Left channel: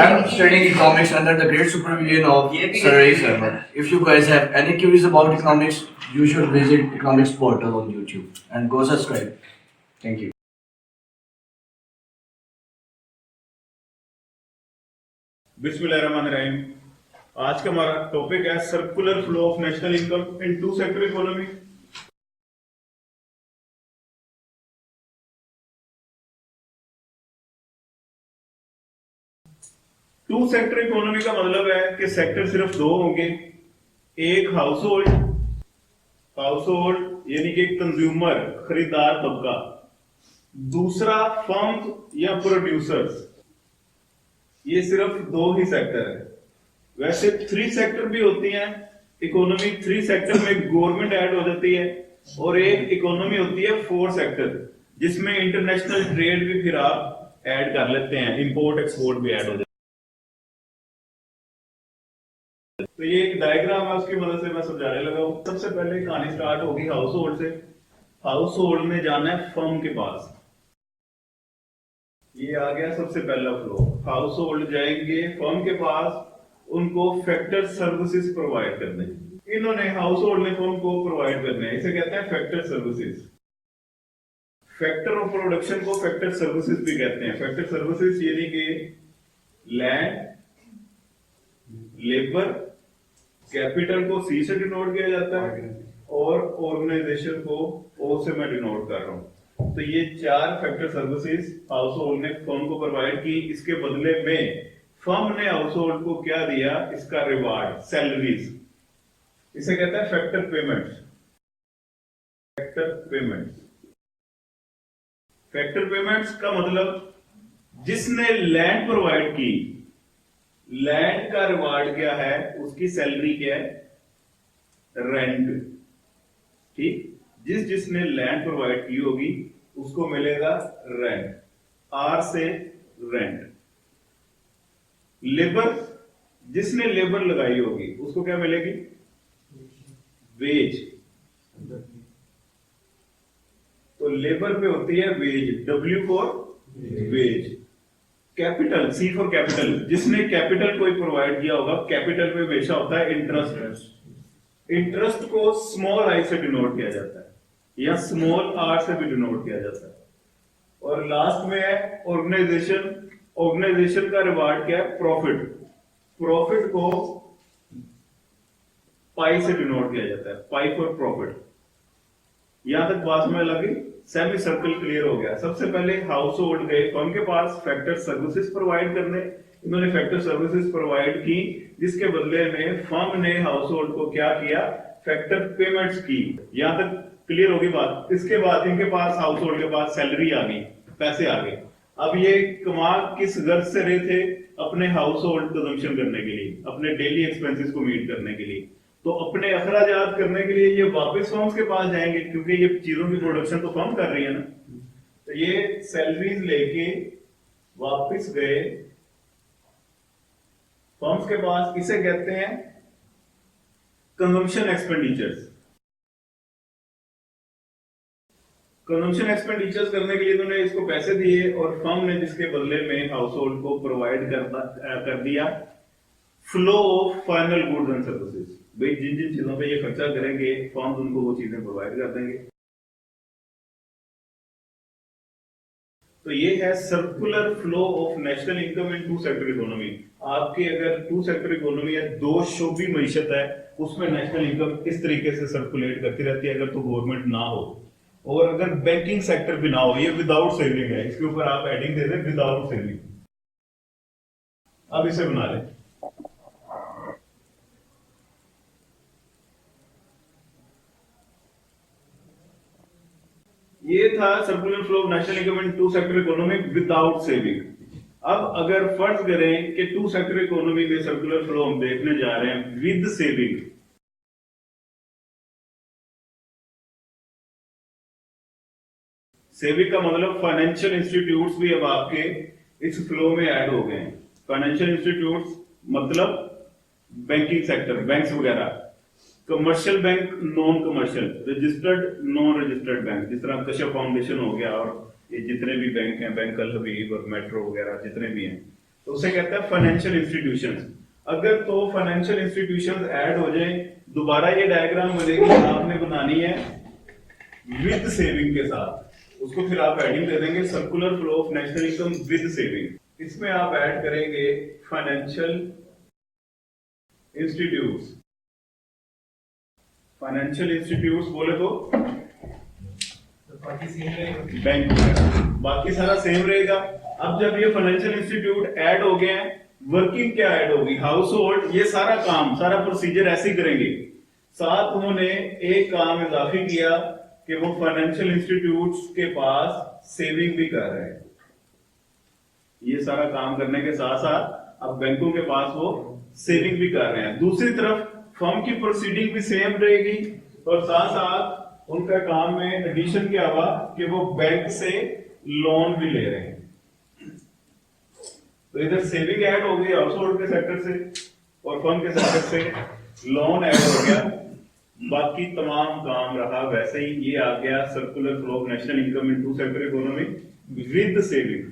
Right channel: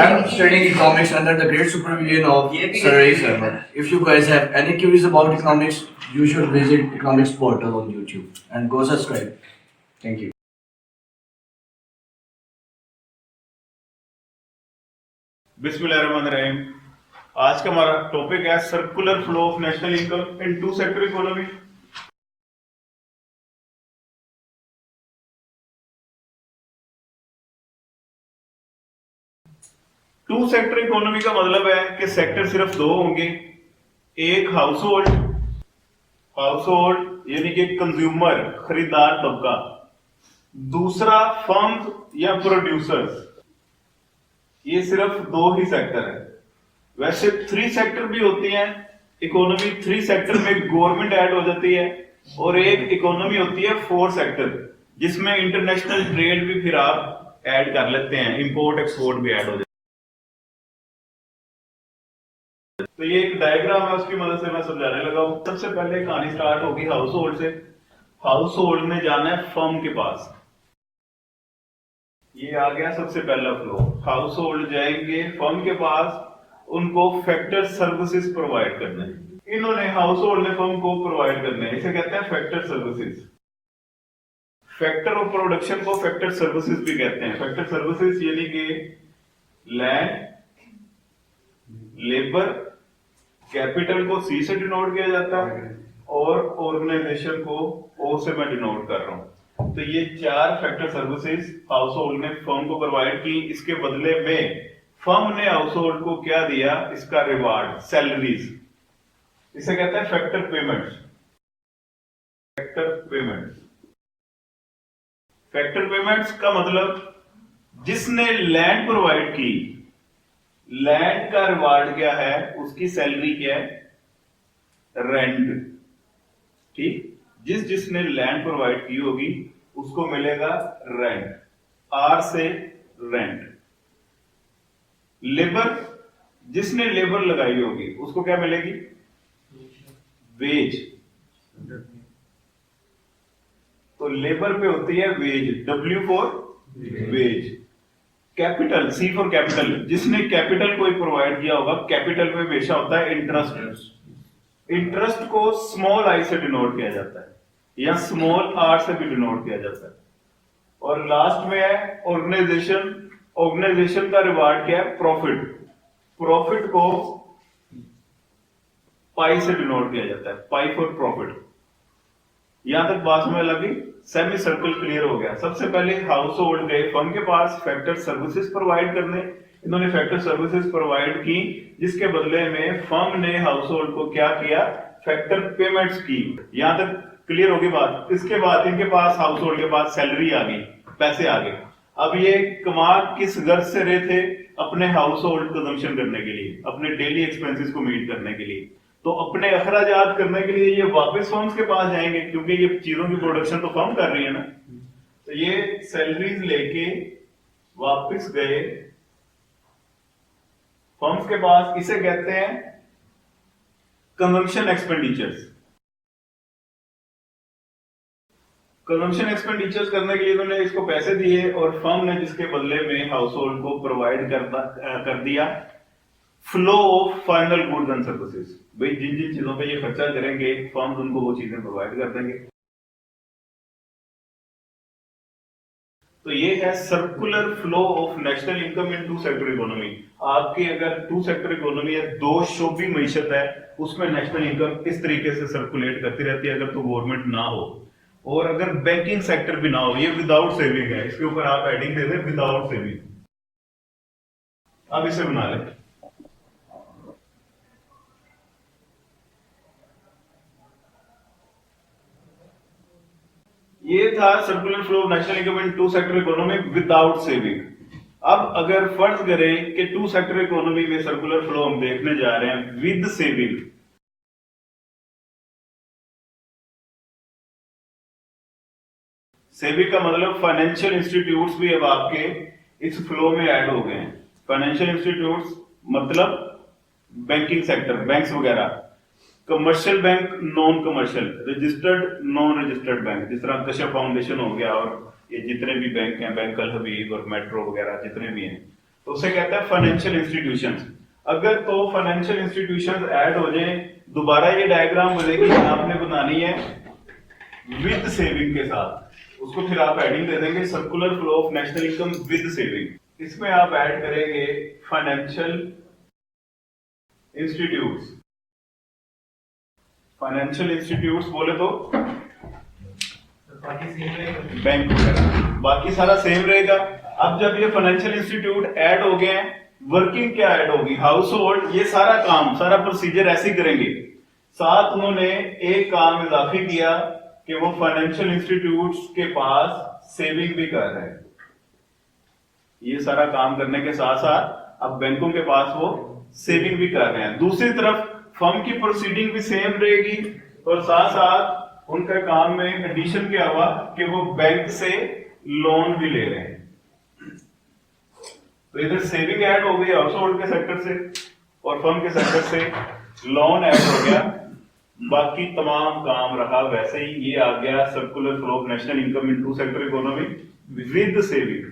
I'm studying economics under the great supervision of Sir Ray Sharma. If you guys have any queries about economics, you should visit economics portal on YouTube and go subscribe. Thank you. बिस्मिल्लाहिर्रहमानिर्रहीम। आज का हमारा topic है circular flow of national income in two sector economy. Two sector economy का मतलब है कि sector सिर्फ दो होंगे, एक हाउस होल्ड यानी कि कंज्यूमर खरीदार तबका, दूसरा फर्म या प्रोड्यूसर्स। ये सिर्फ दो ही सेक्टर है। वैसे थ्री सेक्टर भी होती हैं इकोनॉमी। थ्री सेक्टर में गवर्नमेंट ऐड हो जाती है और एक इकोनॉमी होती है फोर सेक्टर, जिसमें इंटरनेशनल ट्रेड भी फिर आप ऐड कर लेते हैं, इंपोर्ट एक्सपोर्ट भी ऐड हो जाता है। तो ये एक डायग्राम है, उसकी मदद से मैं समझाने लगा हूं। सबसे पहले कहानी स्टार्ट होगी हाउस होल्ड से। हाउस होल्ड ने जाना है फर्म के पास। ये आ गया सबसे पहला फ्लो। हाउस होल्ड जाएंगे फर्म के पास, उनको फैक्टर सर्विसेज प्रोवाइड करने हैं। इन्होंने हाउस होल्ड ने फर्म को प्रोवाइड करने हैं, इसे कहते हैं factor services. Factor of production को फैक्टर सर्विसेज भी कहते हैं। फैक्टर सर्विसेज यानी कि लैंड, लेबर, कैपिटल को सी से डिनोट किया जाता है और ऑर्गेनाइजेशन को ओ से मैं डिनोट कर रहा हूं। तो ये चार फैक्टर सर्विसेज हाउस होल्ड ने फर्म को प्रोवाइड की। इसके बदले में फर्म ने हाउस होल्ड को क्या दिया? इसका रिवार्ड, सैलरीज। इसे कहते हैं factor payments. Factor payments, factor payments का मतलब जिसने लैंड प्रोवाइड की, लैंड का रिवार्ड क्या है? उसकी सैलरी क्या है? रेंट। ठीक, जिसने लैंड प्रोवाइड की होगी उसको मिलेगा रेंट, आर से रेंट। लेबर, जिसने लेबर लगाई होगी उसको क्या मिलेगी? वेज। तो लेबर पे होती है wage, W for wage. Capital, C for capital, जिसने कैपिटल कोई प्रोवाइड किया होगा, कैपिटल पे हमेशा होता है इंटरेस्ट। इंटरेस्ट को स्मॉल आई से डिनोट किया जाता है या स्मॉल आर से भी डिनोट किया जाता है। और लास्ट में है ऑर्गेनाइजेशन। ऑर्गेनाइजेशन का रिवार्ड क्या है? प्रॉफिट। प्रॉफिट को पाई से डिनोट किया जाता है, पाई फॉर प्रॉफिट। यहां तक बात में लगी, सेमी सर्कल क्लियर हो गया। सबसे पहले हाउस होल्ड गए फर्म के पास फैक्टर सर्विसेज प्रोवाइड करने। इन्होंने फैक्टर सर्विसेज प्रोवाइड की, जिसके बदले में फर्म ने हाउस होल्ड को क्या किया? फैक्टर पेमेंट्स की। यहां तक क्लियर होगी बात। इसके बाद इनके पास, हाउस होल्ड के पास सैलरी आ गई, पैसे आ गए। अब ये कमा किस गर्ज से रहे थे? अपने हाउस होल्ड कंजम्पशन करने के लिए, अपने डेली एक्सपेंसेस को मीट करने के लिए। तो अपने अखराजात करने के लिए ये वापस फर्म्स के पास जाएंगे, क्योंकि ये चीजों की प्रोडक्शन तो फर्म कर रही है ना। तो ये सैलरीज लेके वापस गए फर्म्स के पास। इसे कहते हैं कंजम्पशन एक्सपेंडिचर्स। कंजम्पशन एक्सपेंडिचर्स करने के लिए इन्होंने इसको पैसे दिए और फर्म ने जिसके बदले में हाउस होल्ड को प्रोवाइड कर दिया flow of final goods and services. भाई जिन जिन चीजों पे ये खर्चा करेंगे फर्म उनको वो चीजें प्रोवाइड कर देंगे। तो ये है circular flow of national income in two sector economy. आपकी अगर टू सेक्टर इकोनॉमी है, दो शोबी मईशत है, उसमें नेशनल इनकम इस तरीके से सर्कुलेट करती रहती है, अगर तो गवर्नमेंट ना हो और अगर बैंकिंग सेक्टर भी ना हो। ये विदाउट सेविंग है, इसके ऊपर आप एडिंग दे दें विदाउट सेविंग। अब इसे बना लें। ये था circular flow of national income in two sector economy without saving. अब अगर फर्ज करें कि टू सेक्टर इकोनॉमी में सर्कुलर फ्लो हम देखने जा रहे हैं विद सेविंग। सेविंग का मतलब फाइनेंशियल इंस्टीट्यूट्स भी अब आपके इस फ्लो में ऐड हो गए हैं। फाइनेंशियल इंस्टीट्यूट्स मतलब बैंकिंग सेक्टर, बैंक्स वगैरह, commercial bank, non commercial, registered, non registered bank, जिस तरह कश्यप फाउंडेशन हो गया और ये जितने भी बैंक हैं, बैंक अल हबीब और मेट्रो वगैरह जितने भी हैं। तो उसे कहते हैं फाइनेंशियल इंस्टीट्यूशंस। अगर तो फाइनेंशियल इंस्टीट्यूशंस ऐड हो जाए, दोबारा ये डायग्राम बनेगी, आपने बनानी है विद सेविंग के साथ। उसको फिर आप हेडिंग दे देंगे circular flow of national income with saving. इसमें आप ऐड करेंगे फाइनेंशियल इंस्टीट्यूट्स। फाइनेंशियल इंस्टीट्यूट्स बोले तो बैंक वगैरह, बाकी सारा सेम रहेगा। अब जब ये फाइनेंशियल इंस्टीट्यूट ऐड हो गए हैं, वर्किंग क्या ऐड होगी, हाउस होल्ड, ये सारा काम, सारा प्रोसीजर ऐसे ही करेंगे। साथ उन्होंने एक काम इजाफी किया कि वो फाइनेंशियल इंस्टीट्यूट्स के पास सेविंग भी कर रहे हैं। ये सारा काम करने के साथ साथ अब बैंकों के पास वो सेविंग भी कर रहे हैं। दूसरी तरफ फर्म की प्रोसीडिंग भी सेम रहेगी और साथ साथ उनका काम में एडिशन क्या हुआ कि वो बैंक से लोन भी ले रहे हैं। तो इधर सेविंग ऐड हो गई हाउस होल्ड के सेक्टर से और फर्म के सेक्टर से लोन ऐड हो गया। बाकी तमाम काम रहा वैसे ही। ये आ गया circular flow of national income into sector economy with saving.